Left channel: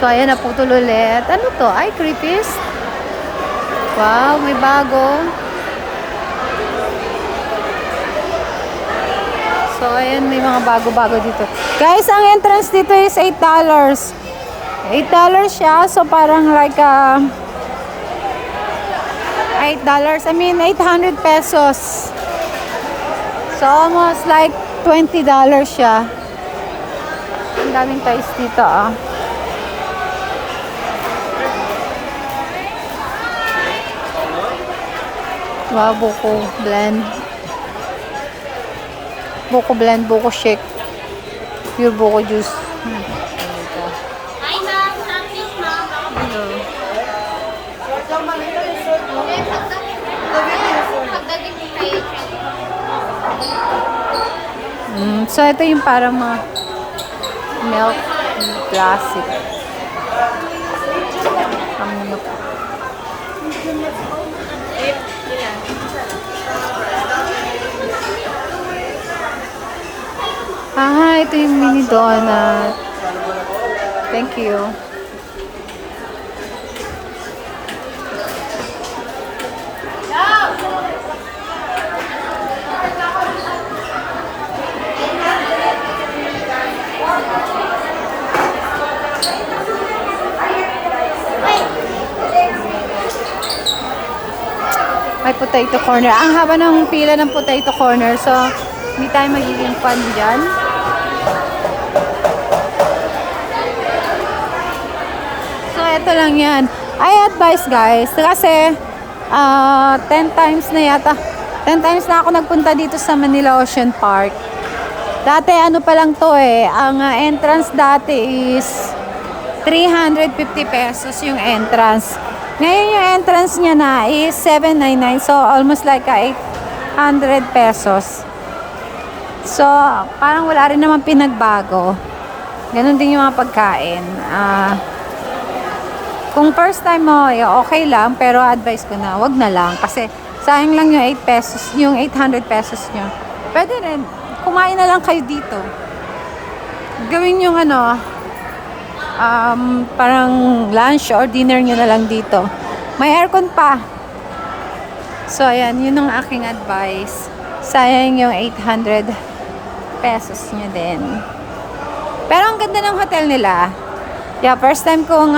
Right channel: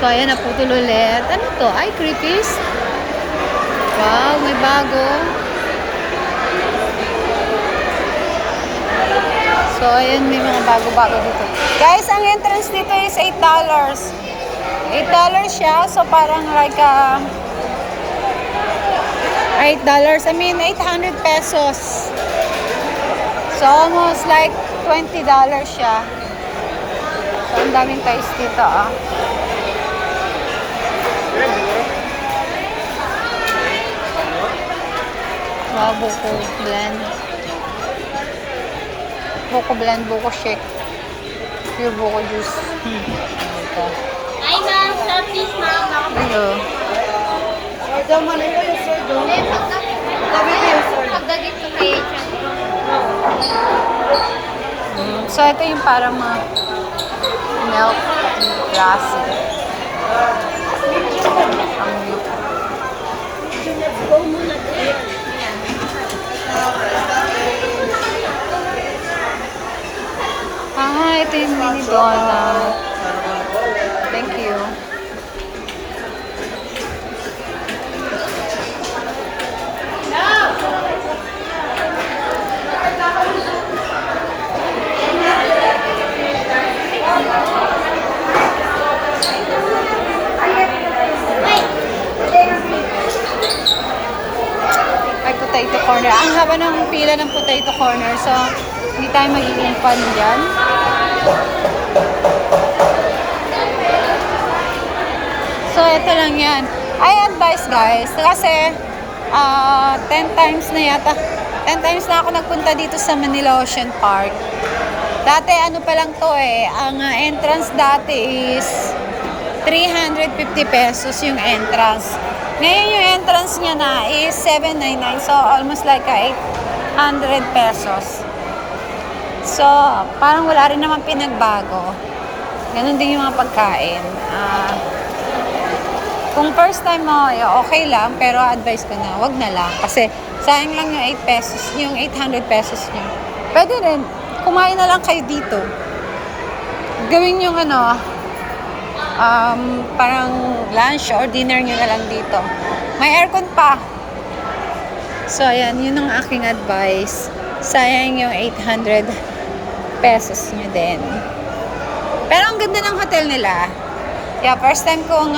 So, ayan, naputol ulit. Ano to? Ay, creepies. Wow, may bago. So, ayan, may mga bago-bago dito. Guys, ang entrance dito is $8. $8 siya. So, parang like, $8. I mean, 800 pesos. So, almost like $20 siya. So, ang daming toys dito, Wow, buko blend. Buko blend, buko shake. Pure buko juice. Ano ka? Hi, ma'am. Selfish, ma'am. Ito. Pagdating ko kayo, So, ito yung parang mga milk plastic. Ito yung mini donut. Thank you. May potato corner. Ang haba ng pila ng potato corner. So, hindi tayo magiging fan dyan. So, ito lang yan. I advise guys, kasi 10 times na yata. 10 times na ako nagpunta dito sa Manila Ocean Park. Dati ano pa lang to ang entrance dati is 350 pesos yung entrance. Ngayon yung entrance niya na is 799. So, almost like 800 pesos. So, parang wala rin naman pinagbago. Ganun din yung mga pagkain. Kung first time mo, okay lang. Pero advice ko na, wag na lang. Kasi, sayang lang yung 8 pesos, yung 800 pesos nyo. Pwede rin, kumain na lang kayo dito. Gawin yung parang lunch or dinner nyo na lang dito. May aircon pa. So, ayan, yun ang aking advice. Sayang yung 800 pesos nyo din. Pero ang ganda ng hotel nila. Yeah, first time kong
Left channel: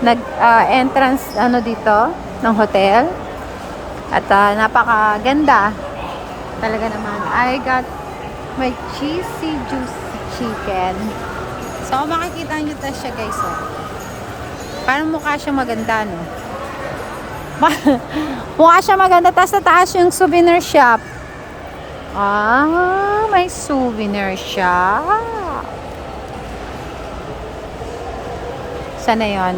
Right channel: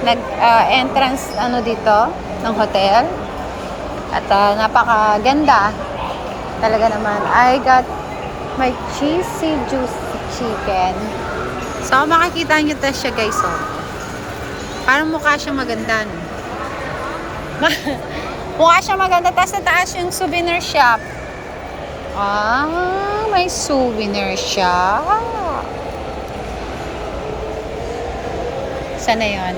nag-entrance dito ng hotel. At napakaganda. Talaga naman. I got my cheesy juicy chicken. So, makikita nyo ta siya guys, parang mukha siya maganda, no? Mukha siya maganda. Tapos sa taas yung souvenir shop. May souvenir shop. Sana yun?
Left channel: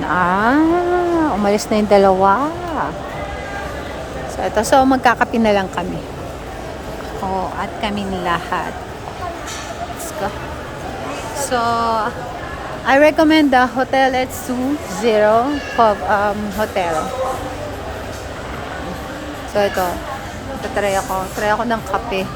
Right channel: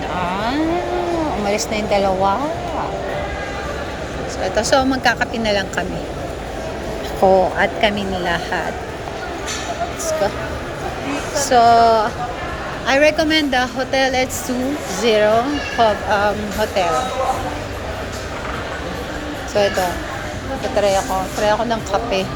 Umalis na yung dalawa. So, ito. So, magkakape na lang kami. Ako at kami ni lahat. Let's go. So, I recommend the Hotel H20 Hotel. So, ito. Try ako ng kape.